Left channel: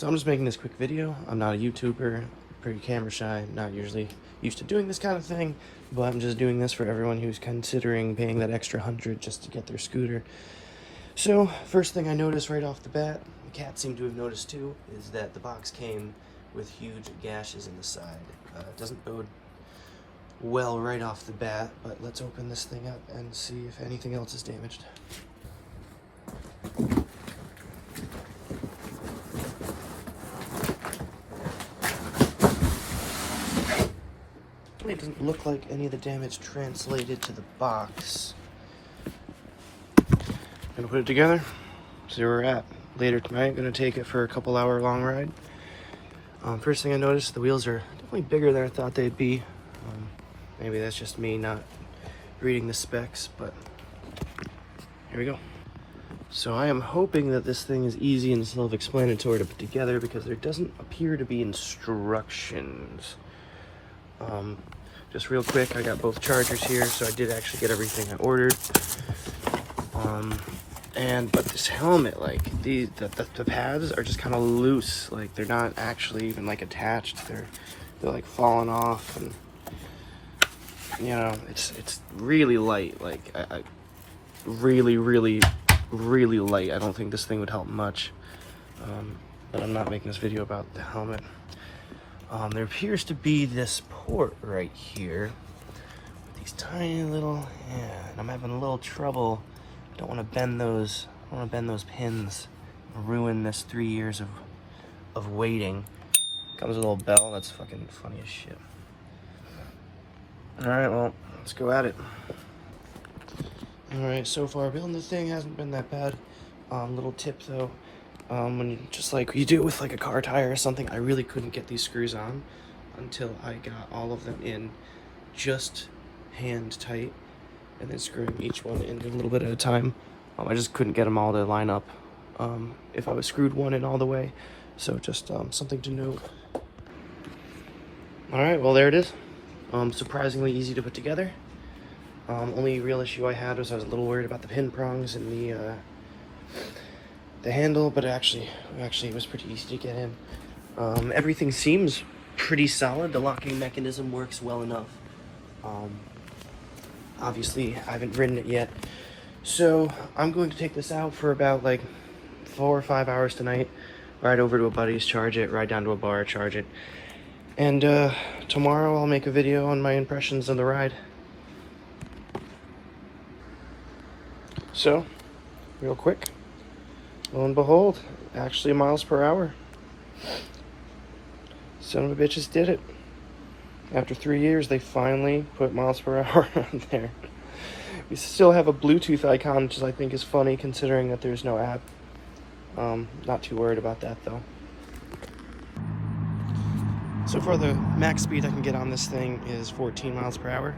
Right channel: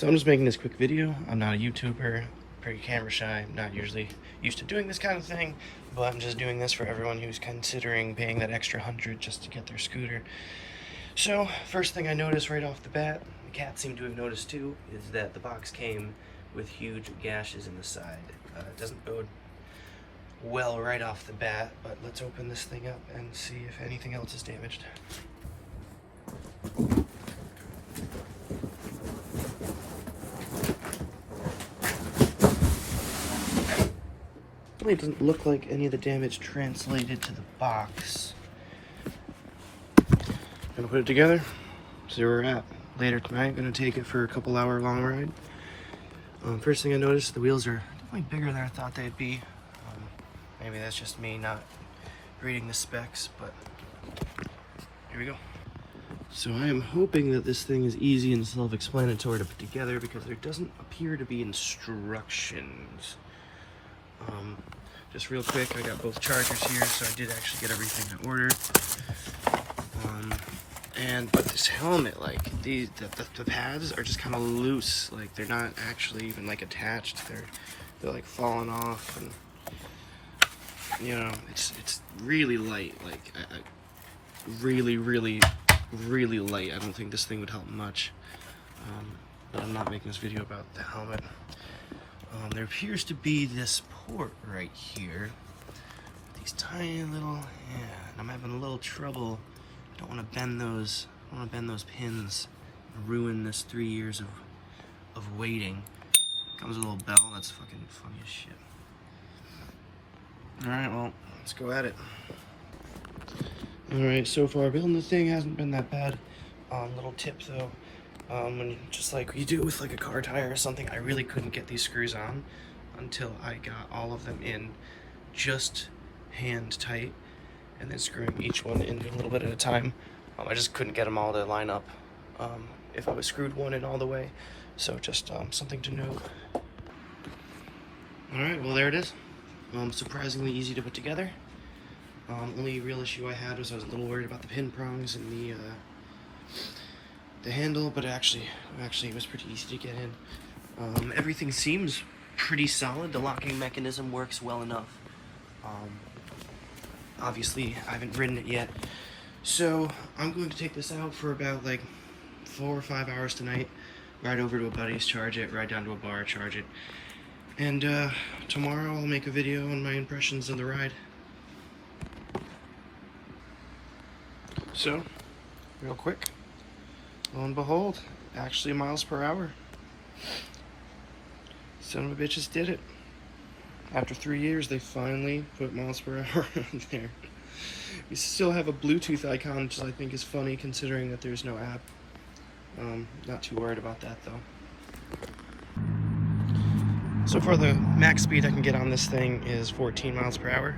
So I'm just making this quick video. I'm not a YouTuber, pretty camera shy, not usually used to doing this kind of thing, but I'm just doing this for everyone who's considering paying that extra 100 just to get their scooter. So first thing I noticed right off the bat, the cats seem to have noticed too, is that the box came with huge gashes in the side. It doesn't bode well right off the bat, but let's open this thing up and see if anything else is damaged. It doesn't look like any of the damage translated to the box. Gonna put it together, see where we're at. Later tonight, gonna take it for a couple hour long ride. First thing I noticed, the wheels are definitely bigger than I thought they'd be. Maybe that's just me not reading the specs, but here we go. So I am hoping that this thing is easy and self-explanatory to put together because there doesn't appear to be instructions. Just real quick, I got both chargers here, so I did actually get everything I ordered. But this helmet, like the pads are just kind of loose, like they're not actually even like attached. They're like falling off, and you know, it's really light. Like I really light. I don't think this thing would help much. But I'm not making this video about the helmet. There appears to be this port right here. These tiny little, and I'm having a little trouble. Don't want to bend those. I want to bend those pins. Ruin this 3 years of waiting. Comes with a little bell. That's fucking funny as shit. All right, well, let's go at it. All right, so far building the thing hasn't been that bad. Little tip though. When just like you do with like a car tire or something, I really couldn't get these screws on until I got all of them in just hand tight, and then screwing each one in a little bit at a time. I just couldn't get them all to line up if I was screwed one in all the way. So just something to note. All right, well there it is. Surprisingly easy to put together. Only real issue I had was I was a little worried about the pin prongs and the handle, but actually it was pretty easy to get in. Everything seems pretty solid. The locking mechanism works well enough. Obviously I haven't ridden it yet, so I'm going to take this out for about like 4 or 5 hours tonight, ride over to a buddy's, charge it, ride down to a bar, charge it, and tomorrow I'll make a video on my impressions of the ride. So real quick, lo and behold, actually miles per hour. Son of a bitches did it. After 3 years, they finally put miles per hour on there. We still have a Bluetooth icon, which I think is funny considering that there's no app. Not too worried about that though. So far, the max speed I can get on this thing is 14 miles per hour.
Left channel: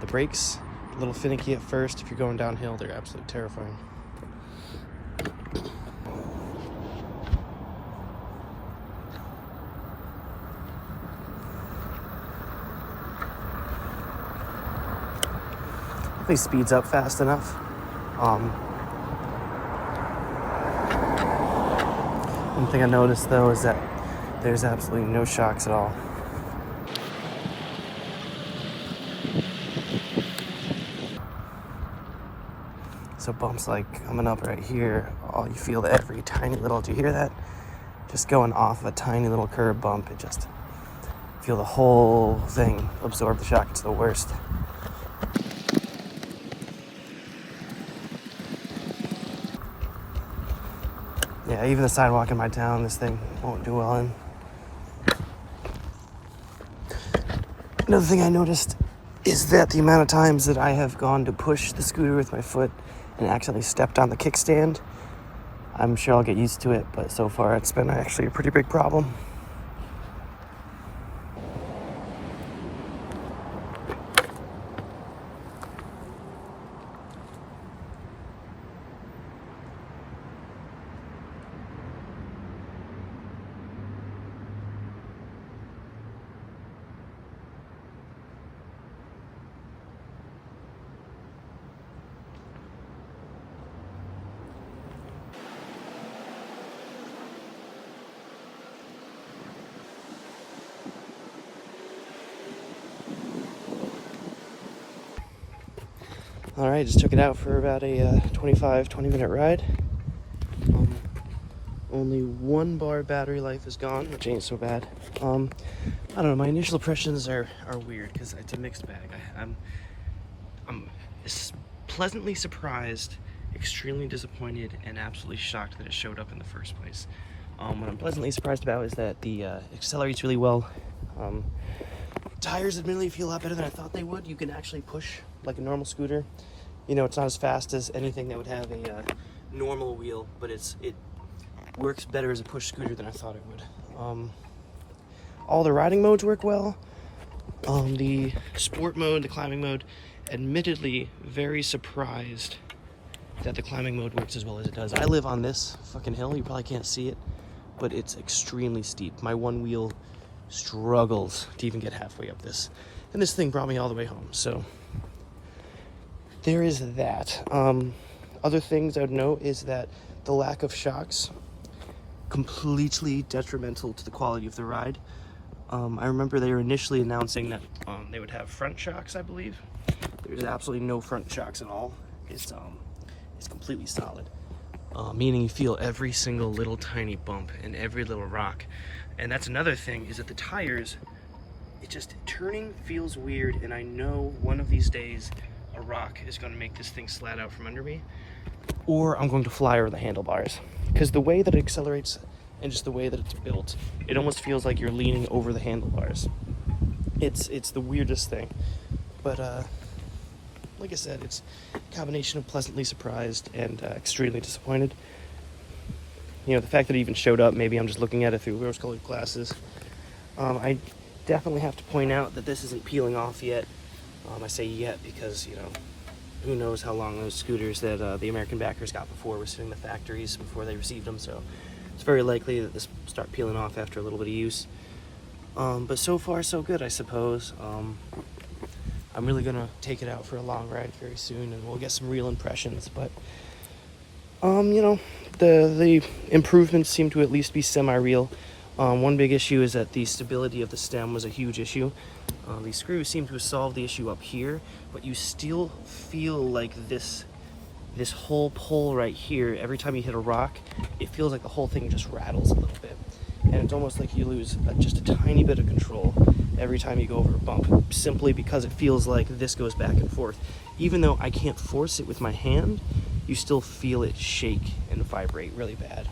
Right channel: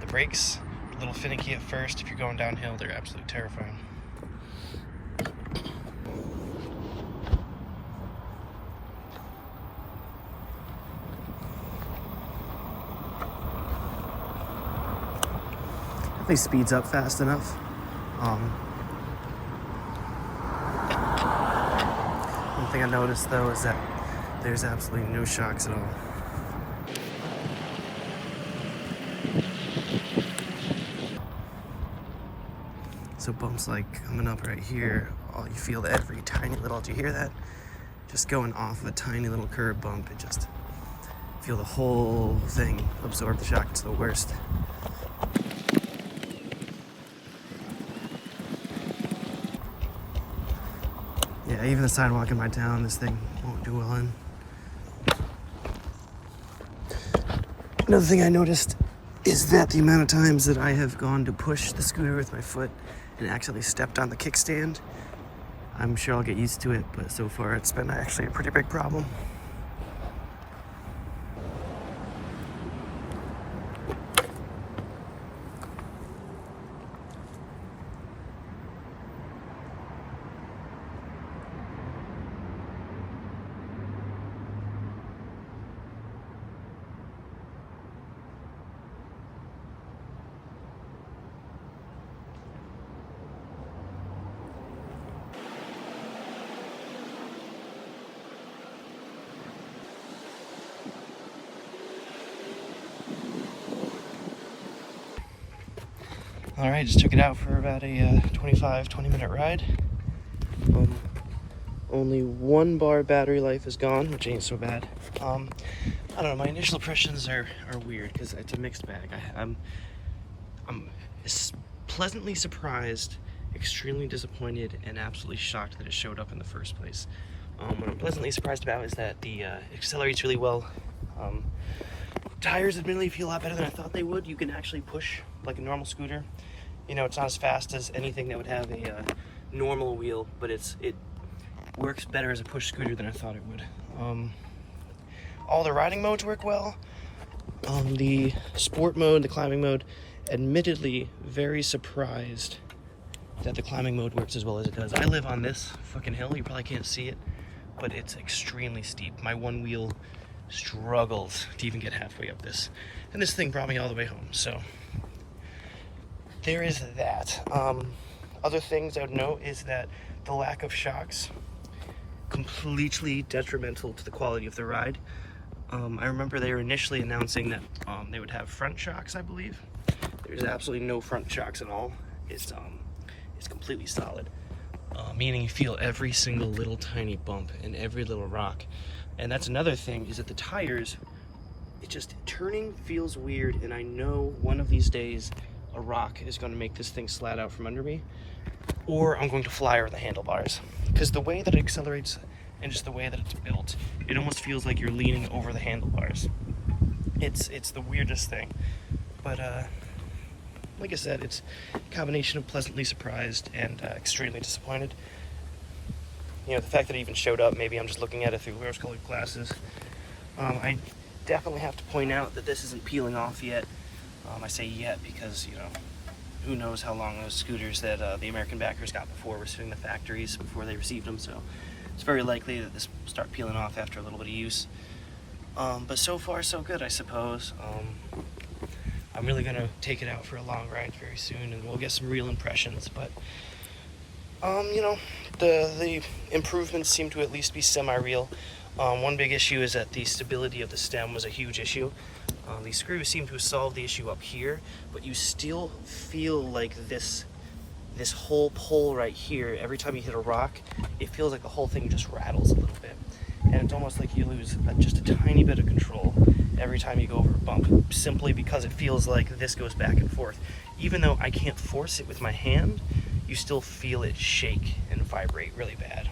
The brakes, a little finicky at first. If you're going downhill, they're absolutely terrifying. He speeds up fast enough. One thing I noticed though is that there's absolutely no shocks at all. So bumps like coming up right here, you feel every tiny little, do you hear that? Just going off a tiny little curb bump, it just feel the whole thing absorb the shock. It's the worst. Yeah, even the sidewalk in my town, this thing won't do well in. Another thing I noticed is that the amount of times that I have gone to push the scooter with my foot and accidentally stepped on the kickstand, I'm sure I'll get used to it, but so far it's been actually a pretty big problem. All right, just took it out for about a 20 minute ride. Only 1 bar battery life is gone, which ain't so bad. I don't know, my initial impressions are weird because it's a mixed bag. I'm pleasantly surprised, extremely disappointed, and absolutely shocked that it showed up in the first place. What I'm pleasantly surprised about is that the accelerates really well. Tires admittedly feel a lot better than I thought they would. You can actually push like a normal scooter. You know, it's not as fast as anything that would have a normal wheel, but it works better as a push scooter than I thought it would. All the riding modes work well. The sport mode, the climbing mode, admittedly very surprised that the climbing mode works as well as it does. I live on this fucking hill, you probably can't see it, but it's extremely steep. My one wheel struggles to even get halfway up this, and this thing brought me all the way home, so there is that. Other things I would note is that the lack of shocks, completely detrimental to the quality of the ride. I remember they were initially announcing that they would have front shocks, I believe. There's absolutely no front shocks at all. It's completely solid, meaning you feel every single little tiny bump and every little rock. And that's another thing, is that the tires, turning feels weird, and I know one of these days a rock is going to make this thing slat out from under me, or I'm going to fly over the handlebars. Because the way that it accelerates and just the way that it's built, it almost feels like you're leaning over the handlebars. It's the weirdest thing. But like I said, it's a combination of pleasantly surprised and extremely disappointed. You know, the fact that it even showed up, maybe I'm just looking at it through rose-colored glasses. I definitely have to point out that this isn't peeling off yet. I say yet because, you know, who knows how long those scooters that the American backers got before were sitting in the factories before they received them, so it's very likely that this will start peeling off after a little bit of use. But so far so good, I suppose. I'm really gonna take it out for a long ride very soon, and we'll get some real impressions. But you know, the improvements seem to at least be semi-real. One big issue is that the stability of the stem was a huge issue. These screws seem to have solved the issue up here, but you still feel like this whole pole right here, every time you hit a rock, it feels like the whole thing just rattles a little bit. And it's almost like you lose just a tiny bit of control every time you go over a bump, simply because it feels like this goes back and forth. Even though I can't force it with my hand, you still feel it shake and vibrate really bad.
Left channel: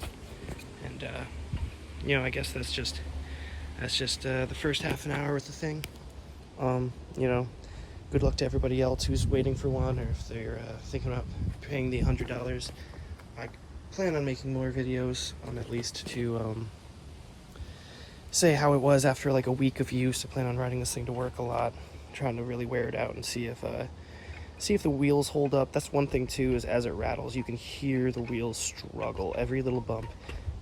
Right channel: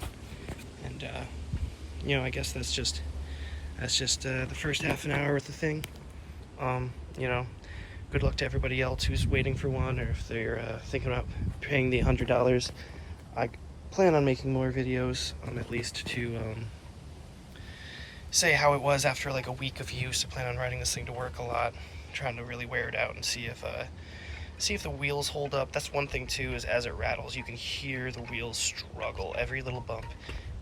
And you know, I guess that's just the first half an hour with the thing. You know, good luck to everybody else who's waiting for one, or if they're thinking about paying the $100. I plan on making more videos, at least to say how it was after like a week of use. I plan on riding this thing to work a lot, trying to really wear it out and see if the wheels hold up. That's one thing too, is as it rattles, you can hear the wheels struggle. Every little bump,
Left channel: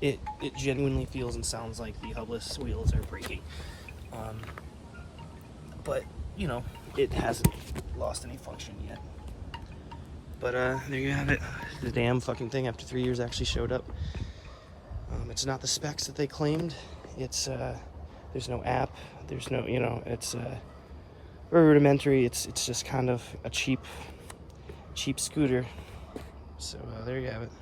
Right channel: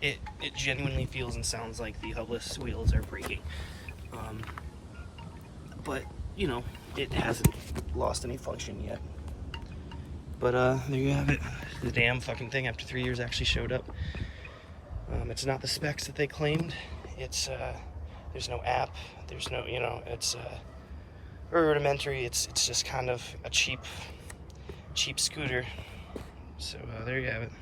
it genuinely feels and sounds like the hubless wheels are breaking. But you know, it hasn't lost any function yet. But there you have it. The damn fucking thing after 3 years actually showed up. It's not the specs that they claimed. It's there's no app, there's no, you know, it's very rudimentary. It's just kind of a cheap scooter. So there you have it.